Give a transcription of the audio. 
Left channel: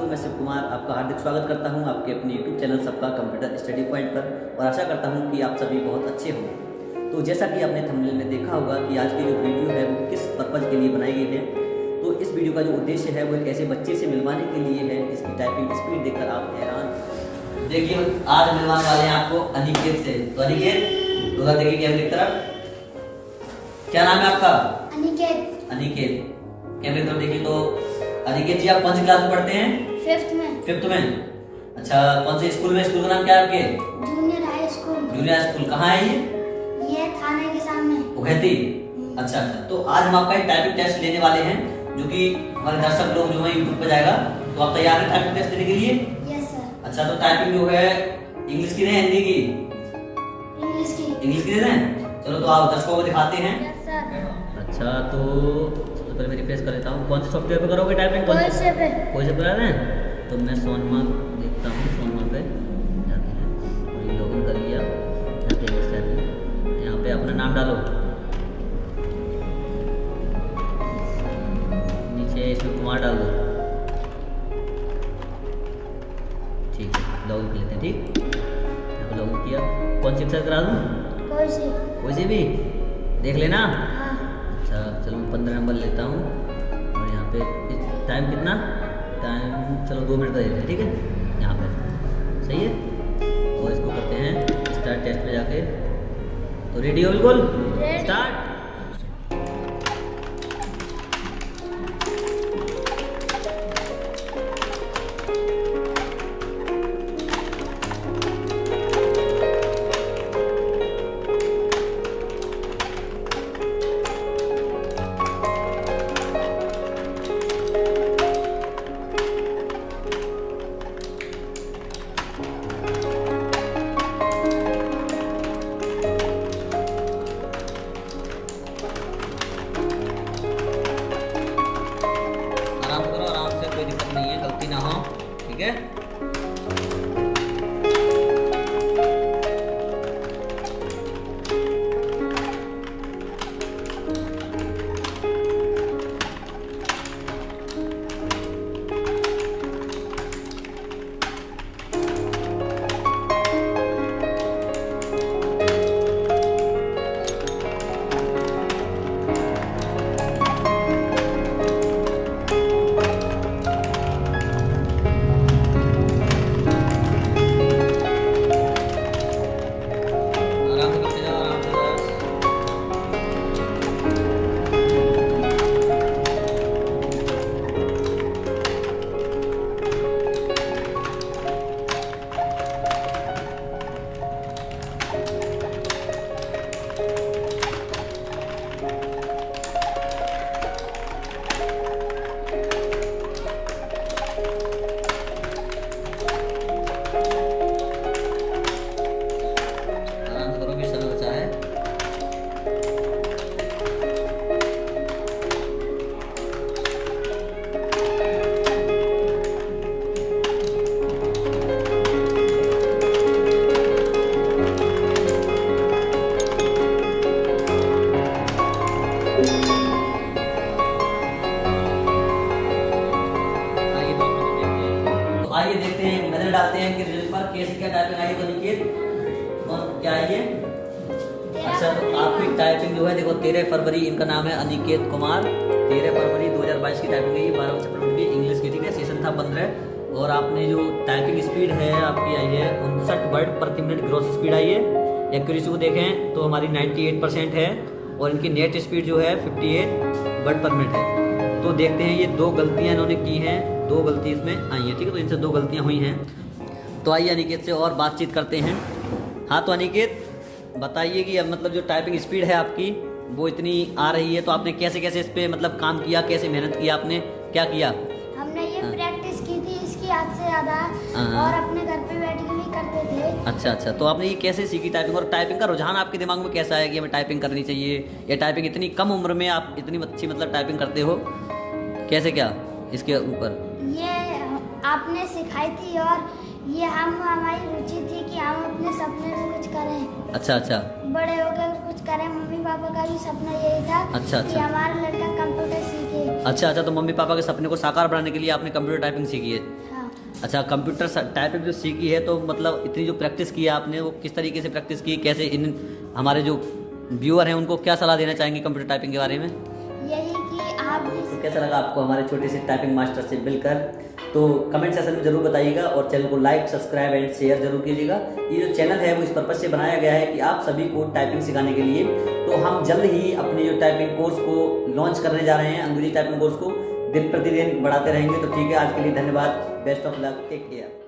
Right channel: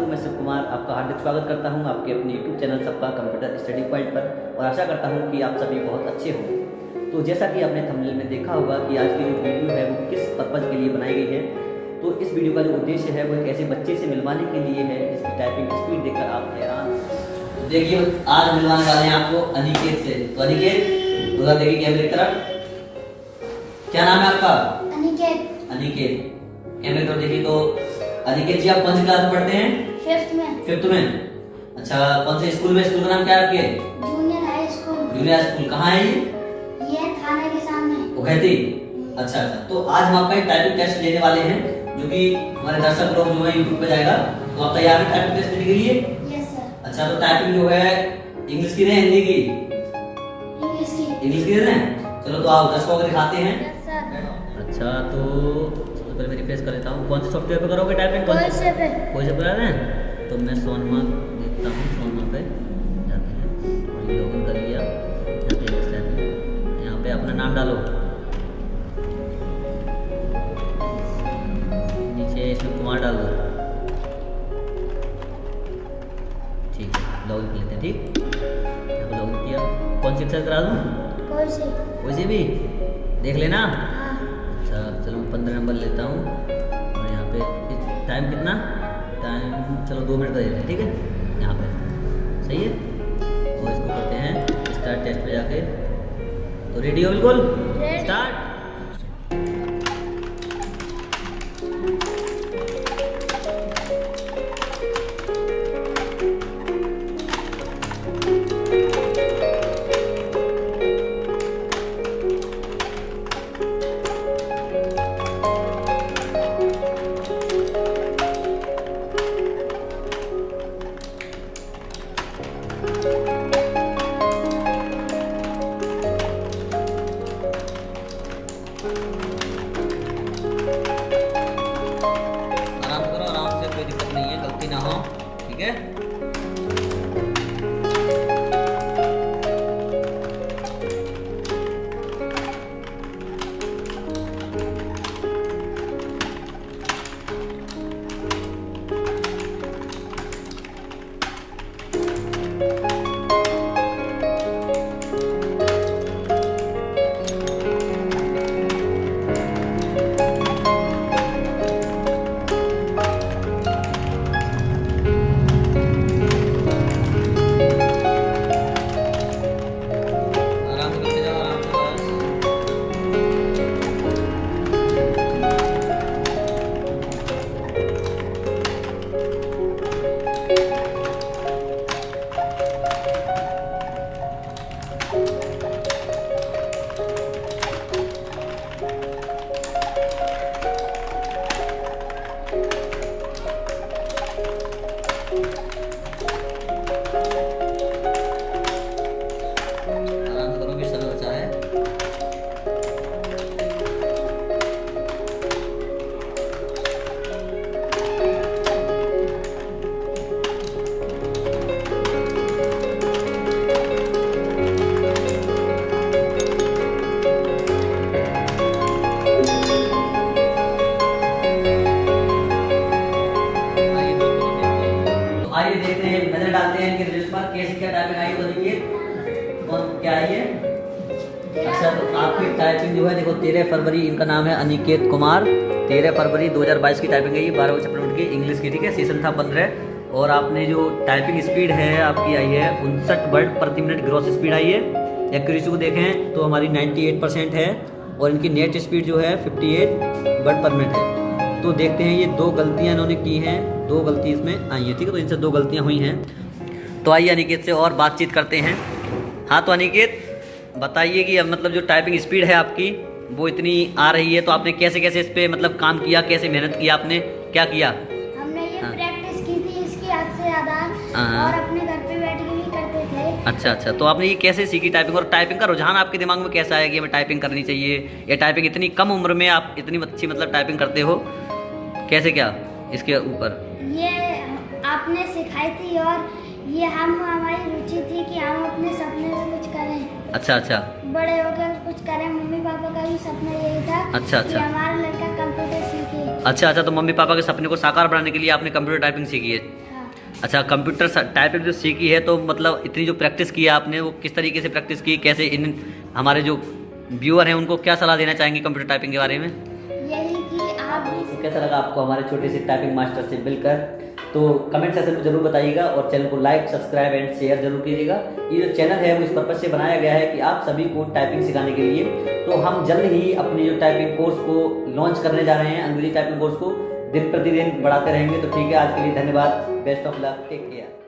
दोस्तों, मैं शिव कुमार आपका हार्दिक स्वागत करता हूं आपके अपने YouTube चैनल सबका कंप्यूटर स्टडी पॉइंट पर और आशा करता हूं कि आप सभी बहुत अच्छे होंगे। तो जैसा कि आपने थंबनेल में देखा होगा कि आज की जो वीडियो है वो किस पर्पज़ के लिए बनाई गई है। तो इस वीडियो का जो उद्देश्य है वो एक ऐसे बच्चे से मिलवाने के लिए है जिसकी टाइपिंग स्पीड देखकर आप हैरान। देखिए आज मिलवाने वाले हैं आपको अनिकेत से। तो अनिकेत थोड़ा देखिए कैमरे की तरफ, क्या नाम है आपका? अनिकेत। अनिकेत कैमरे की तरफ देखिए। तो अनिकेत जी आप कौन सी क्लास में पढ़ते हैं? फिफ्थ में। अच्छा, कौन से स्कूल में? स्कूल का नाम क्या है आपके? Junior high school. Junior high school कहाँ है ये थाने के सामने। उखैती। अच्छा, तो आज हम आपका एक टाइपिंग टेस्ट लेने वाले हैं जो कि हमारे दर्शक लोग जो है यूट्यूब पे जाएगा। तो आप तैयार हैं टाइपिंग टेस्ट देने के लिए? Yes sir. अच्छा, तो टाइपिंग जो है इंग्लिश की है हिंदी की? इंग्लिश की दे दें। चलो तो आओ दर्शकों को दिखाते हैं। Yes sir. अच्छा, तो सबसे पहले मैं रिफ्रेश कर लेता हूँ। कौन से सॉफ्टवेयर पे करोगे टाइपिंग? कोई से पे करा रहे हैं? तो मैं सोनमा देखता हूँ, सोनमा पे जाते हैं और लॉगिन कर लिया। यहाँ पे इंग्लिश टाइपिंग, यहाँ पे अपना नाम डालो, नीचे इसमें कुमार डाल दो। ठीक है, लॉगिन कर लेते हैं। ठीक, यहाँ पे लॉगिन किया। कौन सी एक्सरसाइज करा दूँ? कोई सी भी देख लेना। हाँ। अच्छा, चलो मैं 15 नंबर लेता हूँ और यहाँ पे टाइम कितना? टाइम चलो 2 मिनट का देते हैं। ठीक है, यहाँ पे सही है। और इसको करते हैं स्टार्ट टेस्ट पे जाके। तो रेडी हो बिल्कुल? स्टार्ट। आराम से करो, आराम से, कोई दिक्कत नहीं है, गलती ना हो। ठीक है, आराम से करते जाओ, आराम से बस। आराम से करो, भी समय बचा है। आइए दोस्तों, तो देखते हैं। तो आइए देखते हैं, नजर डालते हैं कि रिजल्ट पर कैसे क्या टाइपिंग आई। तो देखिए कौन क्या आई है। अच्छा, तो आपकी टाइपिंग जो है देखो 13 फरवरी, इनका नाम है अनिकेत कुमार। 13 फरवरी 2022 की टाइपिंग है ये, 12 सप्लीमेंट की इंग्लिश की। ठीक है, सेशन था 15 और आपने जो टाइपिंग स्पीड है आपकी आई है 59 वर्ड प्रति मिनट ग्रॉस स्पीड आई है। एक्यूरेसी को देखें तो हमारी 98% है और इनकी नेट स्पीड जो है 58 वर्ड पर मिनट है। तो देखते हैं, ये 2 गलतियाँ इन्होंने की हैं, 2 गलती इसमें आई है। ठीक है, तो इनसे 2 गलतियाँ हुई हैं। तो आइए अनिकेत से और बातचीत करते हैं। हाँ, तो अनिकेत बताइए कि अब मतलब जो टाइपिंग स्पीड है आपकी वो इतनी आ रही है, तो आपने कैसे कैसे इस पे मतलब काम किया, कैसे मेहनत किया, आपने क्या किया? हमने ये हाँ। प्रैक्टिस की थी इसकी हद से ज्यादा हाँ। और अपने घर पे बैठ के भी करते थे। अच्छा, तो आपने ये कैसे सीखी टाइपिंग, और टाइपिंग का रुझान आपके दिमाग में कैसा है कि हमें टाइपिंग करनी चाहिए, या टाइपिंग इतनी कम उम्र में आप इतनी अच्छी मतलब टाइपिंग करते हो, कैसे क्या इसके ऊपर? ये आपने सिखाई थी और ये हमारी रुचि थी कि हम अपने सपने से कुछ करें। अच्छा बड़े होकर कुछ करें। मम्मी पापा का भी सपना यही था। अच्छा कि हमारा लड़का कंप्यूटर सीखे। अच्छा, तो मम्मी पापा के सपने को साकार बनाने के लिए आपने कंप्यूटर टाइपिंग सीखी है। हाँ। अच्छा, कंप्यूटर टाइपिंग जो सीखी है तो मतलब इतनी जो प्रैक्टिस की है आपने, वो किस तरीके से प्रैक्टिस की, कैसे इन हमारे जो व्यूअर हैं उनको क्या सलाह देना चाहेंगे कंप्यूटर टाइपिंग के बारे में? यही कि आप भी तो कैसा लगा आपको हमारे छोटे से टाइपिंग मास्टर से मिलकर? तो कमेंट सेक्शन में जरूर बताइएगा और चैनल को लाइक, सब्सक्राइब एंड शेयर जरूर कीजिएगा। ये जो चैनल है वो इस पर्पज से बनाया गया है कि आप सभी को टाइपिंग सिखाने के लिए। तो हम जल्द ही अपने जो टाइपिंग कोर्स को लॉन्च करने जा रहे हैं, अंग्रेजी टाइपिंग कोर्स को दिन प्रतिदिन बढ़ाते रहेंगे। तो ठीक है, आज के लिए धन्यवाद, best of luck, take care.